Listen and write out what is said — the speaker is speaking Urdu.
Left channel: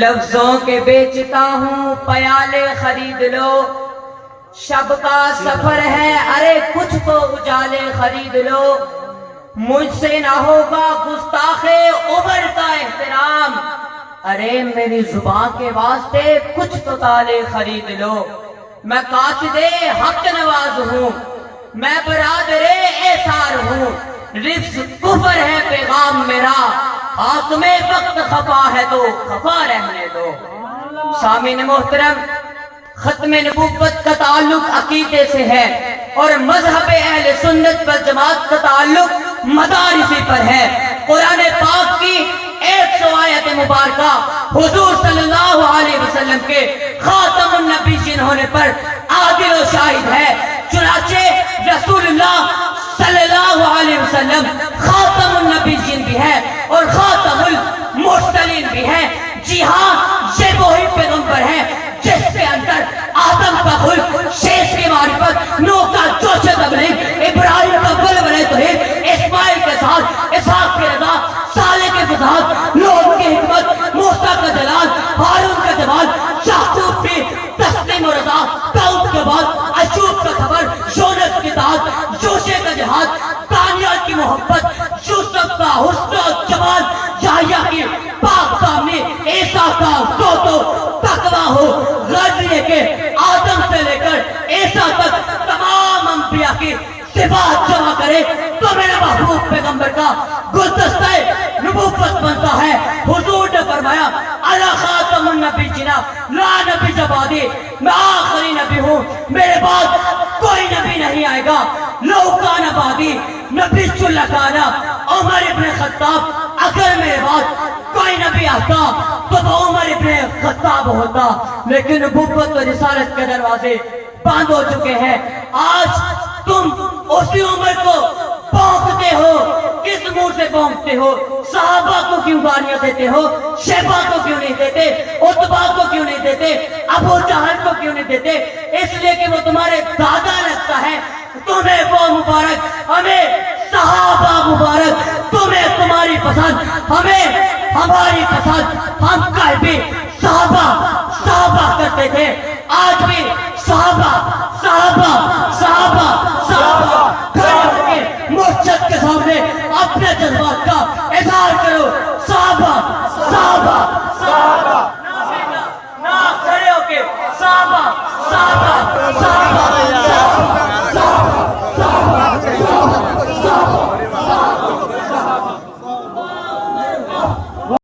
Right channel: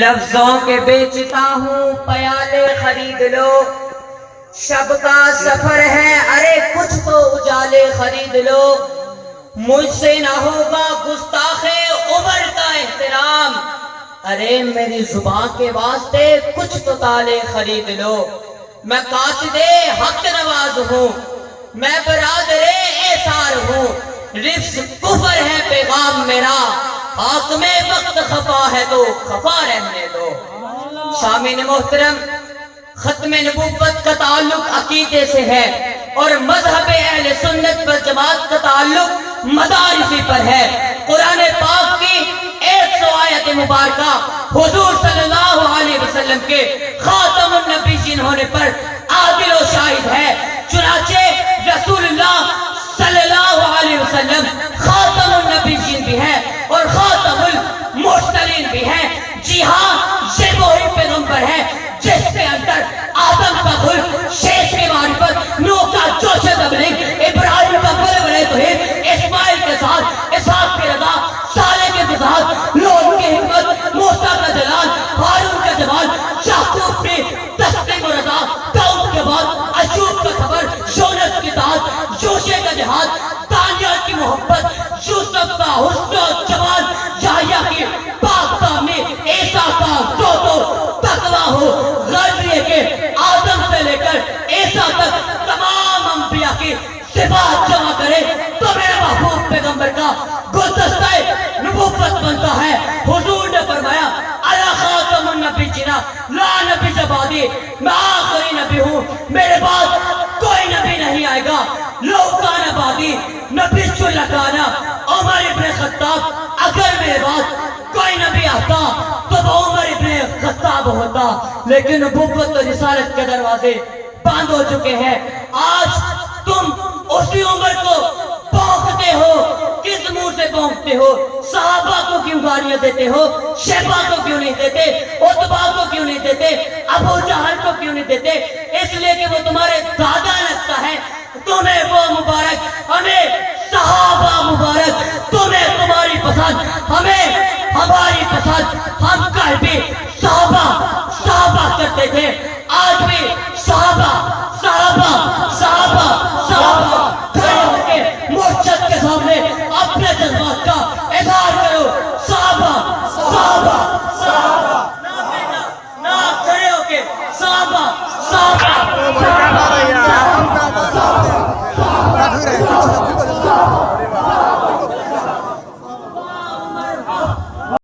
لفظوں کے بیچتا ہوں پیالے خرید لو، شب کا سفر ہے ارے کچھ تو اجالے خرید لو، مجھ سے نہ ہوگا گستاخے عمر کا احترام، ارے میری زبان کے واسطے کچھ تو تالے خرید لو، میں قاصد حق نواز ہوں، میں برادر ایثار ہوں، رفظ کفر ہے پیغام میرا، حاکم وقت خفا ہے تو خفا رہنے دو۔ سامعین محترم، ختم نبوت کا تعلق عقیدے سے ہے اور مذہب اہل سنت والجماعت کا تعلق مدارسی پر ہے۔ قرآن پاک کی 100 آیت مبارکہ حضور صلی اللہ علیہ وسلم کے خاتم النبیین ہونے پر عادل و شاہد ہے، چنانچہ رسول اللہ صلی اللہ علیہ وسلم خاتم النبیین بھی ہے اور خاتم المرسلین بھی ہے۔ جی ہاں، یہ وہی پیغمبر ہے جس کے اندر آدم کا خلق، شیخ کی معرفت، نوح کا جوش تبلیغ، ابراہیم کا بلبلِ توحید، اسماعیل کے ساتھ اسحاق کی رضا، صالح کے فضاحت، لوط کی حکمت، موسیٰ کا جلال، ہارون کا جمال، یعقوب کی تسلیم و رضا، داؤد کے بعد ایوب کا صبر، یونس کی طاعت، یوشع کا جہاد، دانیال کی محبت، یوسف کا حسن و جمال، یحییٰ کی پاک دامنی، عیسیٰ کا تقویٰ ہو، غرض یہ کہ آدم سے لے کر عیسیٰ تک تمام انبیاء کی صفات جمع کرے تو میرا محبوب پیغمبر کا گلدستہ نبوت بنتا ہے۔ حضور نے فرمایا انا خاتم النبیین لا نبی بعدی، میں آخری نبی ہوں، میرے بعد کوئی نبی نہیں آئے گا۔ لو کان بعدی نبی لکانا، عمر ابن خطاب، اگر میرے بعد کوئی نبی آتا تو وہ عمر ابن خطاب ہوتا، لیکن نبوت و رسالت کے دروازے بند ہو چکے ہیں۔ آج تم اسی عمر کو بھونکتے ہو، کس منہ سے بھونکتے ہو؟ صحابہ کو کیوں گالیاں دیتے ہو؟ شیبہ کو کیوں نہیں دیتے؟ عتبہ کو کیوں نہیں دیتے؟ ابو جہل کو کیوں نہیں دیتے؟ اس لیے کہ وہ تمہارے دادا لگتا ہے، تمہیں وہ مبارک، ہمیں صحابہ مبارک، تمہیں تمہاری پسند، ہمیں ہماری پسند، ہم کل بھی صحابہ کرتے تھے، آج بھی صحابہ مرشد کے سامنے اپنے جذبات کا اظہار کرو۔ صحابہ